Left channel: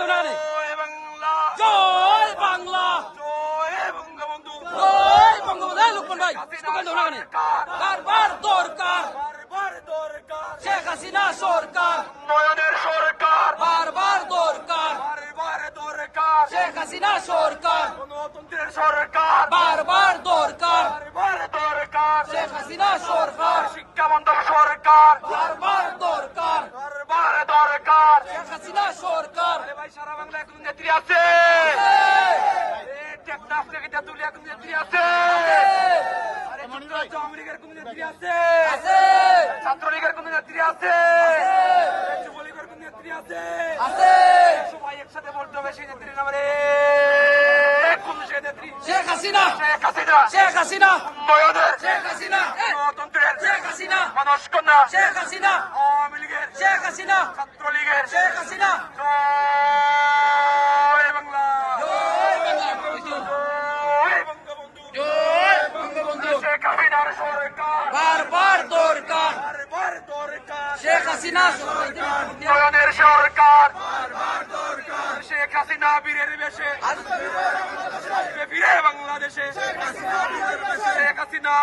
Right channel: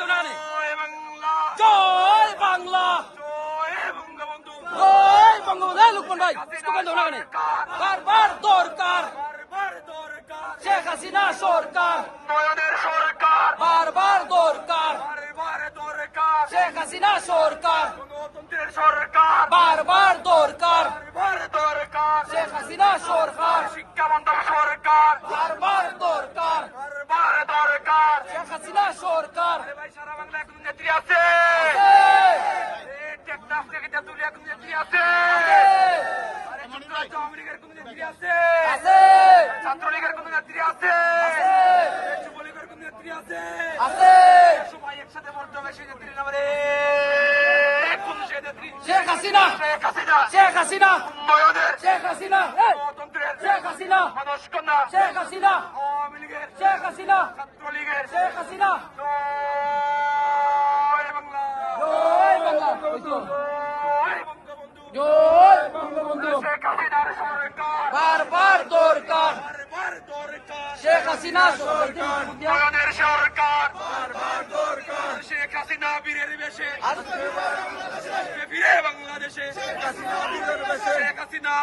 দোনানে জয় বাংলা জয় বঙ্গবন্ধু লুকমান ভাই স্লোগান দোনানে বারবার দরকার শেখ হাসিনা সরকার বারবার দরকার শেখ হাসিনা সরকার বারবার দরকার শেখ হাসিনা সরকার শিক্ষামন্ত্রী সরকার বারবার দরকার শেখ হাসিনা সরকার সারা বাংলায় কোন নেত্রী আছে টেকনাফ থেকে তেঁতুলিয়া কোন নেত্রী আছে আমেরিকার কোন নেত্রী আছে ছাত্রলীগের কোন নেত্রী আছে যুবলীগের কোন নেত্রী আছে সবাই একসাথে বলতে হবে সেই নেত্রীর নামে কোন সেই নেত্রী শেখ হাসিনা শেখ হাসিনা শেখ হাসিনা উন্নয়নের শেখ হাসিনা গণতন্ত্রের শেখ হাসিনা মানসকন্যা শেখ হাসিনা আওয়ামী লীগের শেখ হাসিনা ছাত্রলীগের শেখ হাসিনা জয় বাংলা জয় বাংলা জয় বঙ্গবন্ধু জয় বঙ্গবন্ধু শেখ হাসিনার সরকার বারবার দরকার বারবার দরকার শেখ হাসিনা উন্নয়নের সরকার বারবার দরকার শেখ হাসিনা বীরের বেশে ফিরে বাংলাদেশে শেখ হাসিনা